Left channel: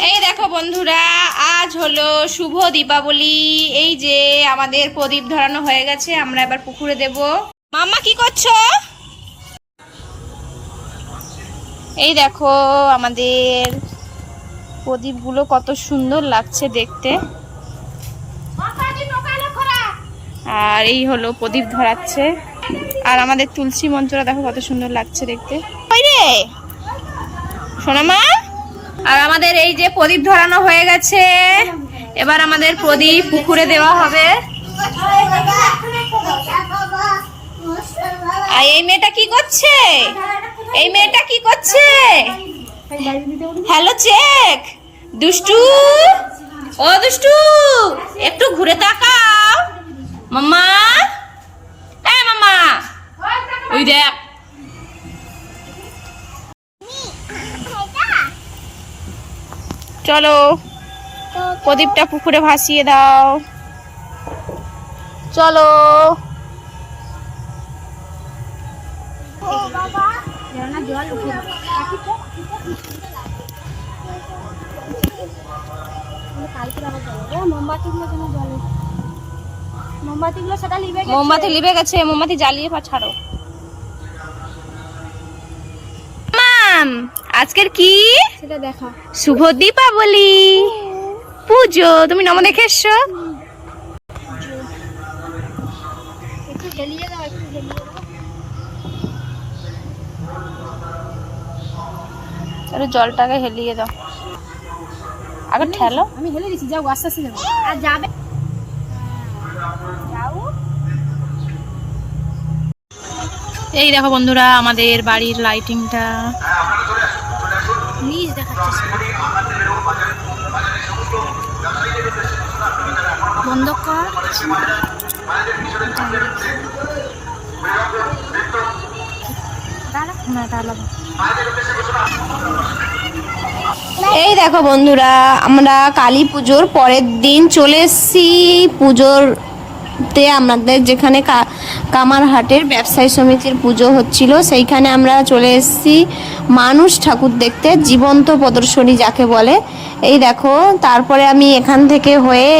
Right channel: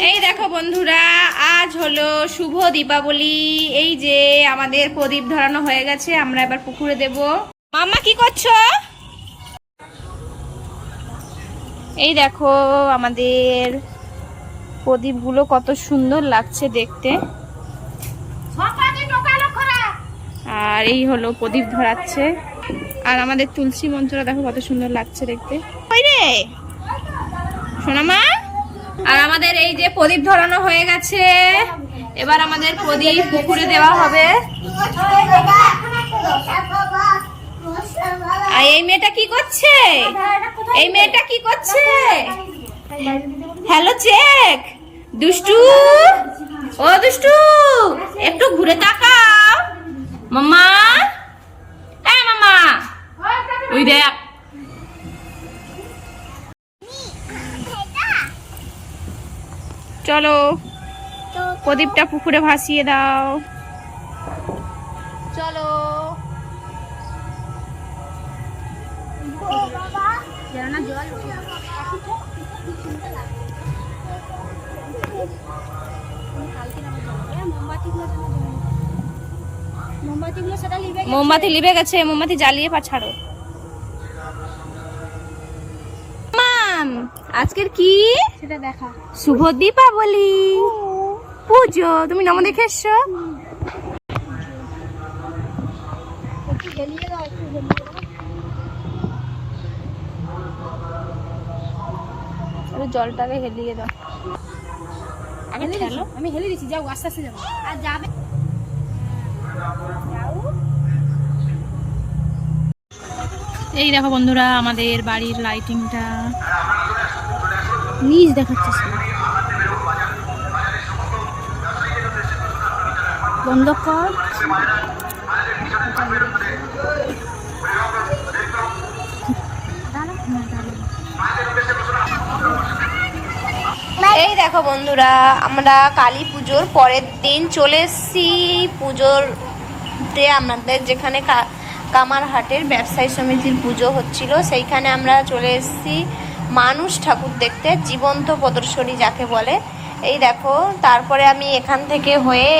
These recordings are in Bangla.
এই দেখো বন্ধুরা, আজ হলো শুভ দীপাবলি। এই যে আমাদের প্রদীপ ধরানো হয়ে গেছে, আমরা এবার পুকুরে দেব। মাম্মা, কি করছ? এই দেখো আমাদের প্রদীপগুলো কত সুন্দর লাগছে দেখতে। আর এই হলো প্রদীপ ধরাচ্ছে। আর আমাদের তুলসী মঞ্চটা দেখো কত সুন্দর লাগছে দেখতে। রে! সোনামা? আর আমাদের এই যে প্রদীপ ধরানো হয়ে গেছে এবার আমাদের প্রদীপ পুকুরে দেওয়া হবে। আর এই মেয়েটা কি করছে? এই মেয়েটা কি করছে? Hello check. দুষ্টু? ও দুষ্টু একটু ঘুরে তাকাও। মাম্মা? এ মাম্মা ওই দেখ। চলো প্রদীপটা পুকুরে ভাসিয়ে দাও। চলো। মোমবাতিগুলো সেটা মোমবাতি লিবে গেছে মোমবাতি জ্বালিয়ে পা ছাড়ো। মাম আজকের কি? সেটা দেখা। শুভ দীপাবলি। পুজো তুমি নম দেখে এসছো? জলটাকে হেলিয়ে দাও। আগে ঠেলো। আমি হেলে দিছি যাও আস্তে আস্তে যাও। আর যাবে? যাও। এই দেখো বন্ধুরা, আমাদের বাড়ির লাইটিংটা নিজ দেখাচ্ছে বন্ধ কর। এই দেখো বন্ধুরা, আমরা কালী পুজোর পরের দিন চলে এসেছি। পুজোর তে আমাদের যেখানে কামারহাটের ব্যবসায়ী সমিতির পুজো হচ্ছিল। সেইখানে আমরা চলে এসেছি মানুষ ঠাকুর দেখতে, জীবন্ত প্রদর্শনী যাকে বলে। এই দেখো, তারপরে আমি এখান থেকে হয়ে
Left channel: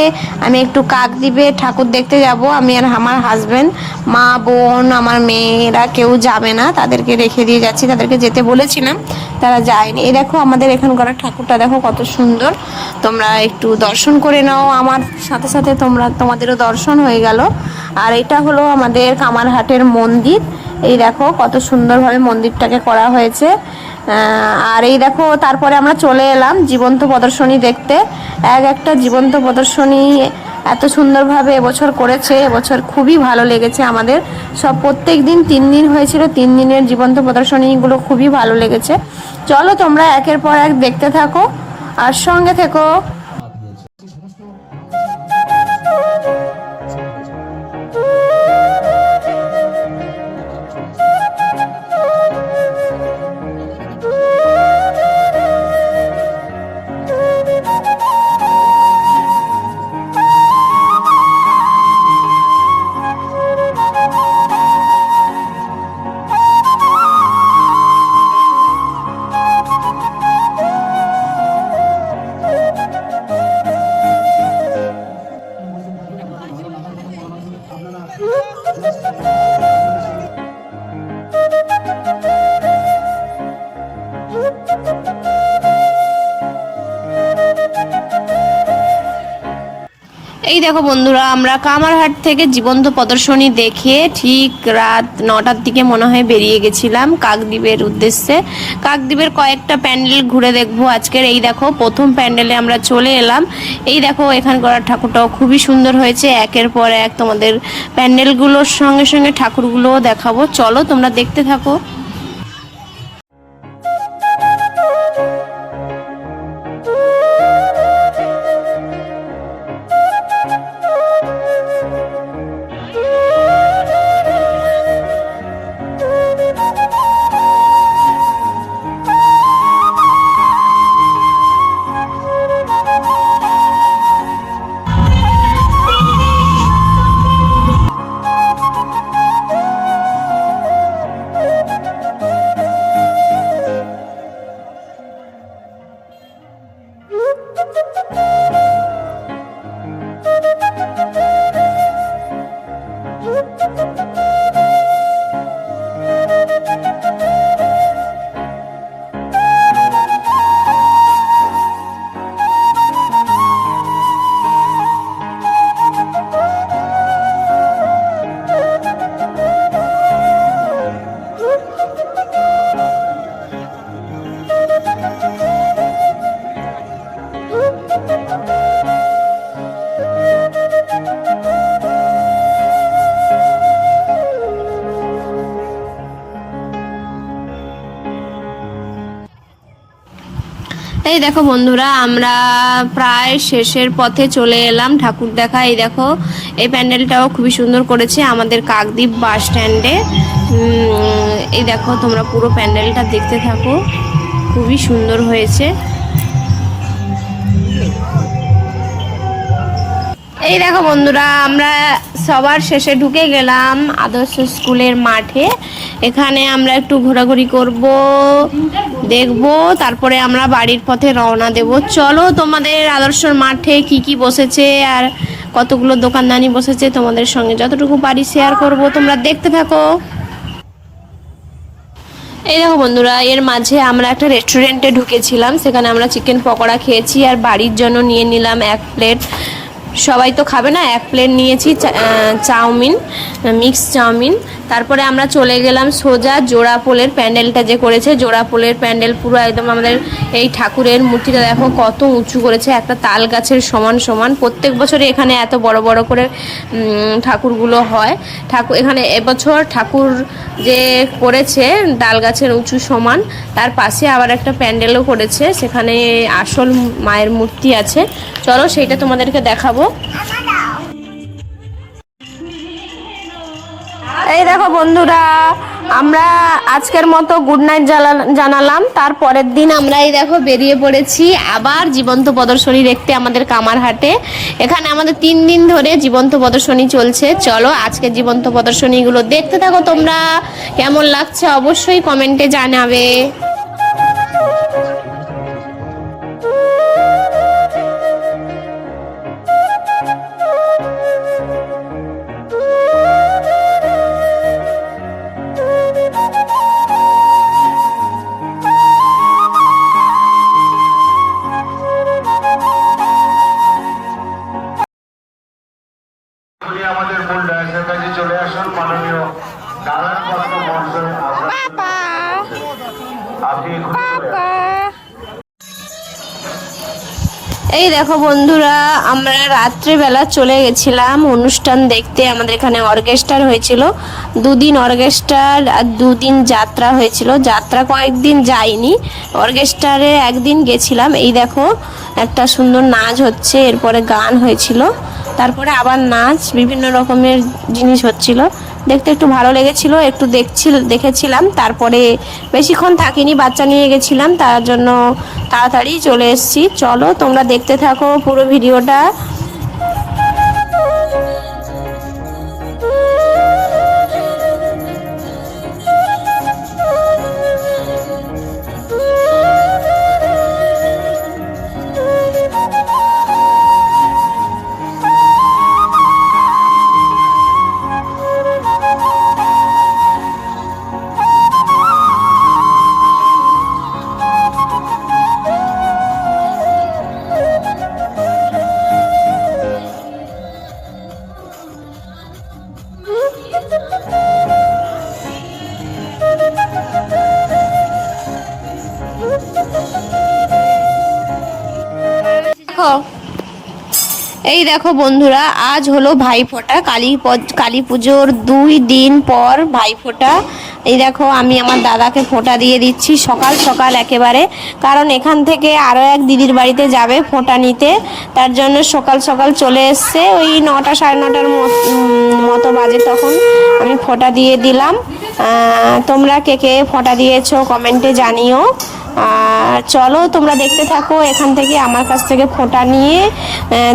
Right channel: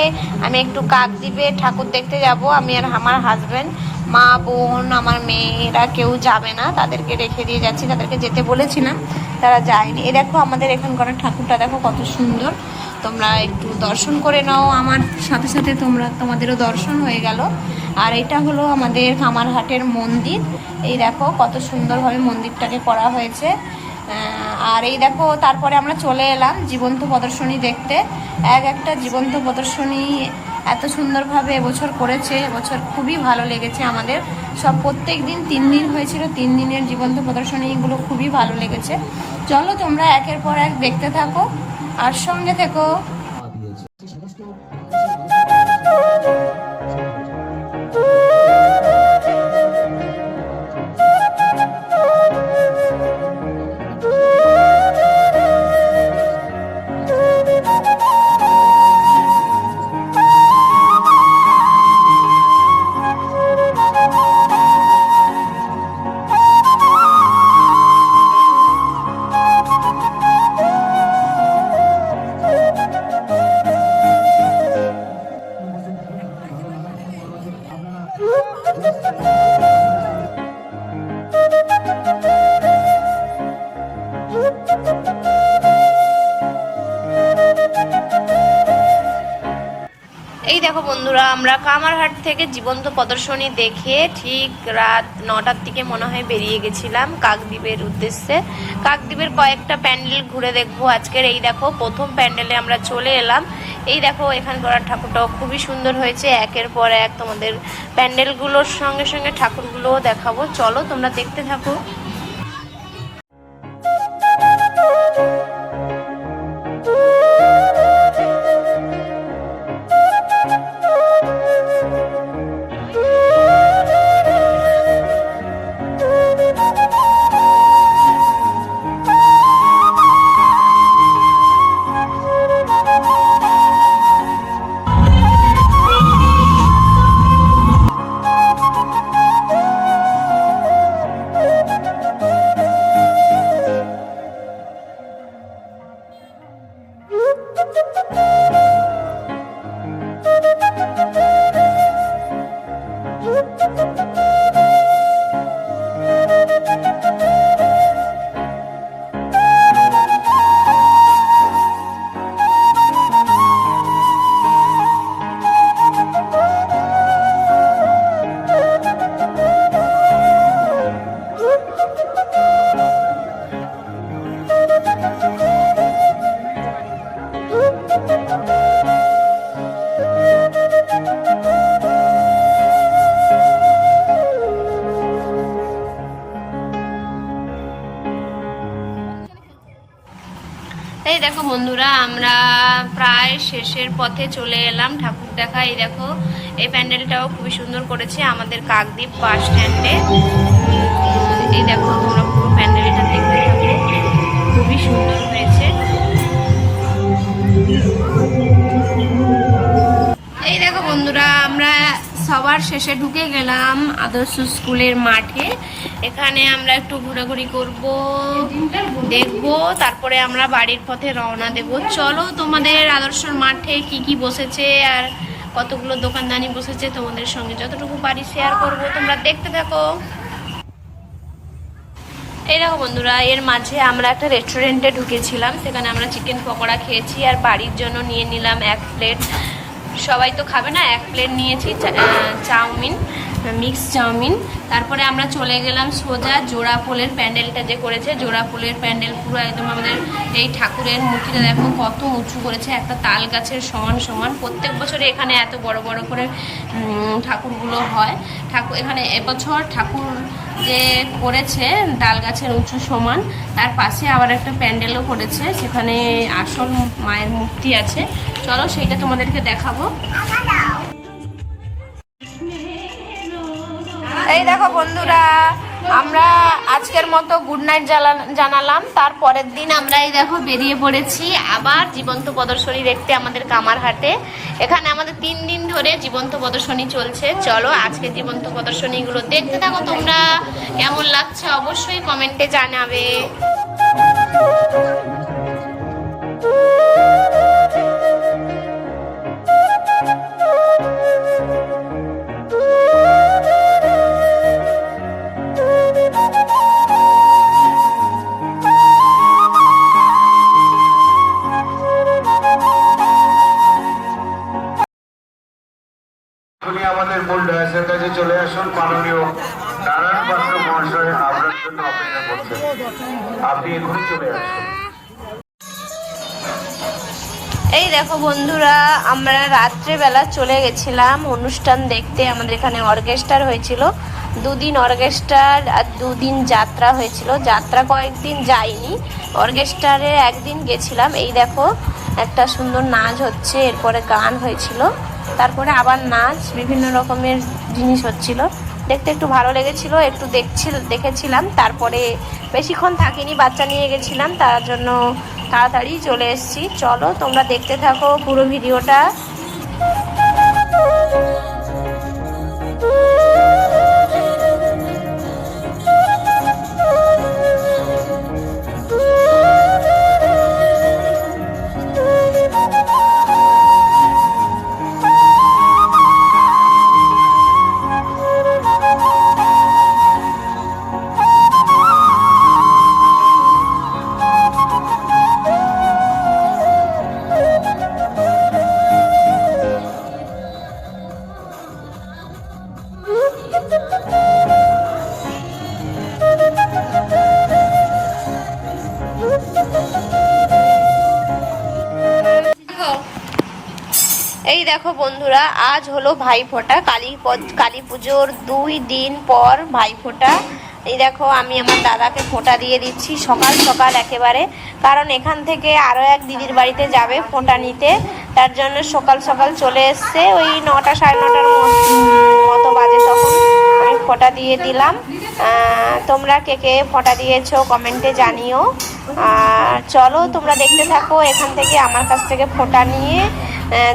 আমি একটু কাকদ্বীপে ঠাকুর দেখতে যাব। আমি আর আমার হাজব্যান্ড মা, বোন, আমার মেয়েরা কেউ যাবে না। তাদেরকে রেখে দিয়ে যাচ্ছি, তাদেরকে যেতে বলেছিলাম, তারা যায়নি। এই দেখো, আমাদের এখানকার ঠাকুরটা দেখো কত সুন্দর। তোমরা একটু দর্শন করে নাও। আমার সাথে সাথে তোমরা, তোমাদেরও দর্শন হয়ে গেল। আর এটা হলো আমাদের কামারহাটের মন্দির। এই দেখো, কত সুন্দরভাবে মন্দিরটাকে করা হয়েছে। আর এই দেখো, তারপরে আমরা চলে এলাম জীবন্ত প্রদর্শনী দেখতে। এক একটা জীবন্ত প্রদর্শনী এত সুন্দরভাবে এবছর করেছে, এবছর খুবই ভালো লেগেছে আমাদের। সব প্রত্যেক দিন তিন দিন হয়েছিল, তিন দিনের জীবন্ত প্রদর্শনীগুলো খুবই ভালো লেগেছে। চলো তোমরা একের পর এক দেখতে থাকো, আর সঙ্গে থেকো। দেখো বন্ধুরা, আমরা কামারহাট থেকে জীবন্ত প্রদর্শনী দেখে ঠিক রাত নটার দিকে মনে হয় বেরিয়ে গেছিলাম কাকদ্বীপের উদ্দেশ্যে। কাকদ্বীপের কয়েকটা প্যান্ডেল ঘুরে দেখব আজকের। এই দেখো, প্রথম প্যান্ডেলে আমরা চলে এলাম। এই দেখো, এখানকার ঠাকুরটাও খুবই সুন্দর হয়েছে। একের পর এক তোমাদের প্যান্ডেলগুলোর সঙ্গে সঙ্গে ঠাকুরগুলোও দেখাবো। চলো তোমরা দেখতে থাকো। এই দেখো বন্ধুরা, আমরা প্রায় শেষের পথে চলে এলাম ঠাকুর দেখা। এই দেখো, এই প্যান্ডেলটাও খুবই সুন্দর করেছে আমাদের কাকদ্বীপ বাস স্ট্যান্ডে। এই দেখো, তোমরা পুরো প্যান্ডেলটা দেখতে থাকো। খুবই সুন্দর হয়েছে। এই দেখো বন্ধুরা, আমরা সবার শেষে ঢুকে গেলাম আদর্শ স্কুলের মাঠে। এখানে আমরা একটু ঘোরাঘুরি করব, দেখব, তারপরে আমরা বাড়ির পথে রওনা দেব। চলো তোমাদের আদর্শর মাঠে কি কি বসেছে আর কতগুলো দোকানদানি বসেছে তোমাদের সঙ্গে যতটুকু পারি শেয়ার করব। তোমরা দেখতে থাকো। এই দেখো বন্ধুরা, এর মাঝে আমরা একটা রেস্টুরেন্টে ঢুকেছিলাম। সেখানে আমরা চিকেন পকোড়া খেয়েছি আর বাড়ির জন্য নিয়ে নিলাম এক প্লেট সবাই তো খাবে না এক প্লেট নিয়েছি চাউমিন মিক্সড চাউমিন। তারপরে আমরা চলে গেলাম সোজা জোড়া পোলের প্যান্ডেলটা যে করেছে, জোড়া পোলের প্যান্ডেল পুরো একদম আমাদের এই ঠাকুরের মূর্তিটা দেখো কত উঁচু করেছে, একটা তাল গাছের সমান সমান। প্রত্যেক বছরই এখানে এত বড় বড় করে ঠাকুরগুলো হয়। ঠাকুর এখানে এবছর ঠাকুর যে করেছে ডাল গাছের উঁচু সমান, তার পাশে আবার একটা প্যান্ডেলও করেছে, সেখানে আসল মায়ের মূর্তি আছে। চলো সেইটা তোমাদেরকে দেখাবো। বন্ধুরা, আমরা আজকের মতো গুড নাইট জানালাম। তার পরের দিন আমরা এই দেখো বেরিয়ে পড়েছি আবার জীবন্ত প্রদর্শনী দেখতে আমাদের কামারহাটে। এখানে আমাদের তিন দিন ধরে জীবন্ত প্রদর্শনী চলছে। চলো আজকে জীবন্ত প্রদর্শনীগুলো দেখতে থাকো তোমরা। কেমন লাগছে অবশ্যই কমেন্টে জানাবে। এই দেখো বন্ধুরা, আমরা রাত্রেবেলা চলে গেছিলাম অনুষ্ঠান দেখতে। আমাদের এখানে অর্কেস্ট্রার হয়েছিল। দুদিন অর্কেস্ট্রার আর দুদিন যাত্রা হয়েছিল। যাত্রা কয়েকদিন যাইনি অর্কেস্ট্রারে একদিন গেছিলাম। এই দেখো, একটা সুন্দর নাচ হচ্ছে। এরপরে গান হয়েছিল। তারপরে আবার নাচ, বিভিন্ন রকমের জিনিস হচ্ছিল। দেখতে একটু ভালো লেগেছিল, একটু দেখছিল, দেখেছিলাম। তারপরে বেশিক্ষণ থাকিনি, বাচ্চা নিয়ে গেছিলাম, তার জন্য তাড়াতাড়ি চলে এসেছি। চলো তোমরা দেখতে থাকো পুরো ভিডিওটা। বন্ধুরা, আজ হলো ভাইফোঁটা। কালী কালী পুজোর দুই দিন পর ভাইফোঁটা। এই দেখো, আমি আমার দাদাকে ফোঁটা দিয়ে দিচ্ছি সকাল সকাল একেবারে। কারণ এখান থেকে আরও এক দিদির বাড়িতে যাবে ফোঁটা নিতে। তার জন্য সকাল সকাল চলে এসছে। ওই নটা সাড়ে নটার মতো বাজে তখন আমি ফোঁটা দিয়ে দিলাম। তোমরা কে কে ফোঁটা দিয়েছ কমেন্টে জানিও। চলো তোমরা দেখতে থাকো এখান থেকে আমার কাছ থেকে ফোঁটা নিয়ে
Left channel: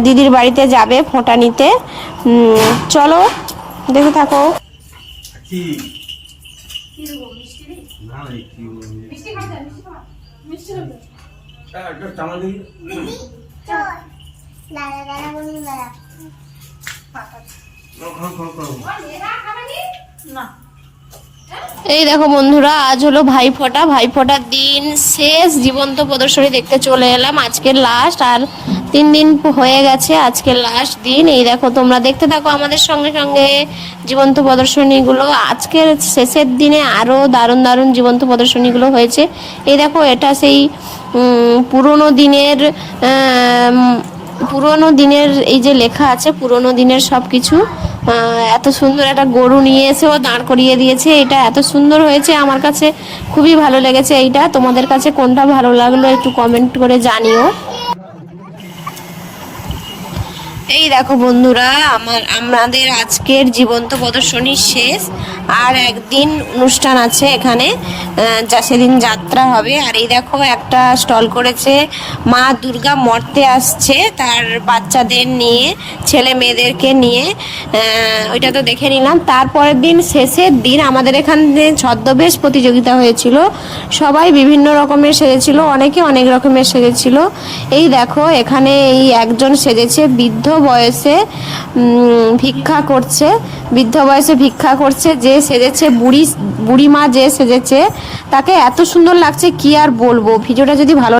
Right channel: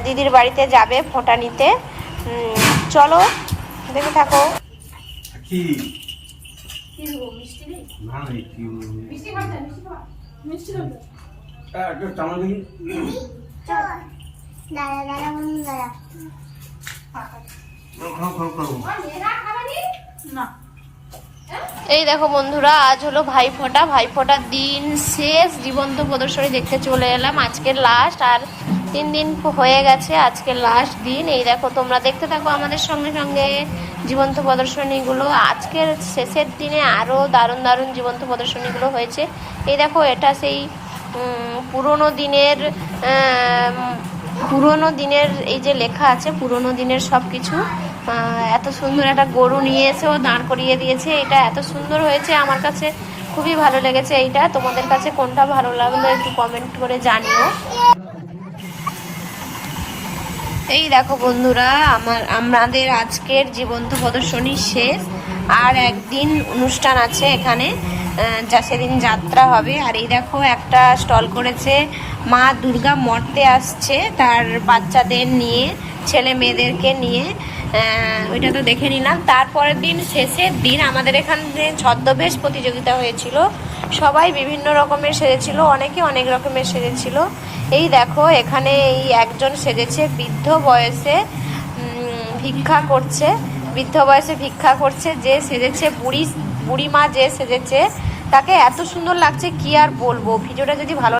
দিদির বাড়িতে যাবে ফোঁটা নিতে। চলো দেখে থাকো। না। এই দেখো বন্ধুরা, আজ হলো ভাইফোঁটা। ভাইফোঁটার দিন শেষ, জীবন্ত প্রদর্শনী দেখতে চলে এলাম। আজকের লাস্ট আর তিন দিন হয়ে গেছে আজকের লাস্ট দিন। এই দেখো, তোমরা দেখতে থাকো আমাদের সঙ্গে সঙ্গে জীবন্ত প্রদর্শনীগুলো। আজকের শেষের দিনে আরও দারুণ দারুণ জীবন্ত প্রদর্শনীগুলো হয়েছে। এই দেখো, এটা সেই পুরোনো দিনের পুরোনো দিনের এই যে লেখা আছে, পুরোনো দিনের সব কিছু এত সুন্দর একটা গরু নিয়ে এসেও দাঁড় করিয়ে দিয়েছে। এটা এত সুন্দর হয়েছে, আমার কাছে খুবই ভালো লেগেছে এইটা। তোমাদের কাছে কোনটা ভালো লাগল একটু কমেন্ট করে জানিও। এই দেখো বন্ধুরা, আমার আমাদের আজকের জীবন্ত প্রদর্শনী শেষ। আর একদিন অনুষ্ঠান আছে এখানে। যা সেদিন যাত্রা হবে। আর এই দেখো, একটা স্টল করেছে মা দুর্গা মর্তে আসছে তার বাচ্চাদের নিয়ে, ছেলে মেয়েদেরকে নিয়ে। ওইটা তো দেখে নিলাম। তারপরের দিন শেষের দিন আমাদের এখানে ছদ্মবেশ প্রতিযোগিতা হয়েছিল, সবাই বিভিন্ন রকমের সেজেছিল, অনেকে অনেক রকমের সেজেছিল। এই দেখো, এখানে এই একজন সেজেছে, বৃদ্ধ বয়সে ভিক্ষা করছে। বৃদ্ধ বয়সে ভিক্ষা করছে যে সেজেছে, বুড়ি বুড়ি মা যে সেজেছে, তাকে এত সুন্দর লাগছে, কি আর বলব? ভিডিওটা যদি ভালো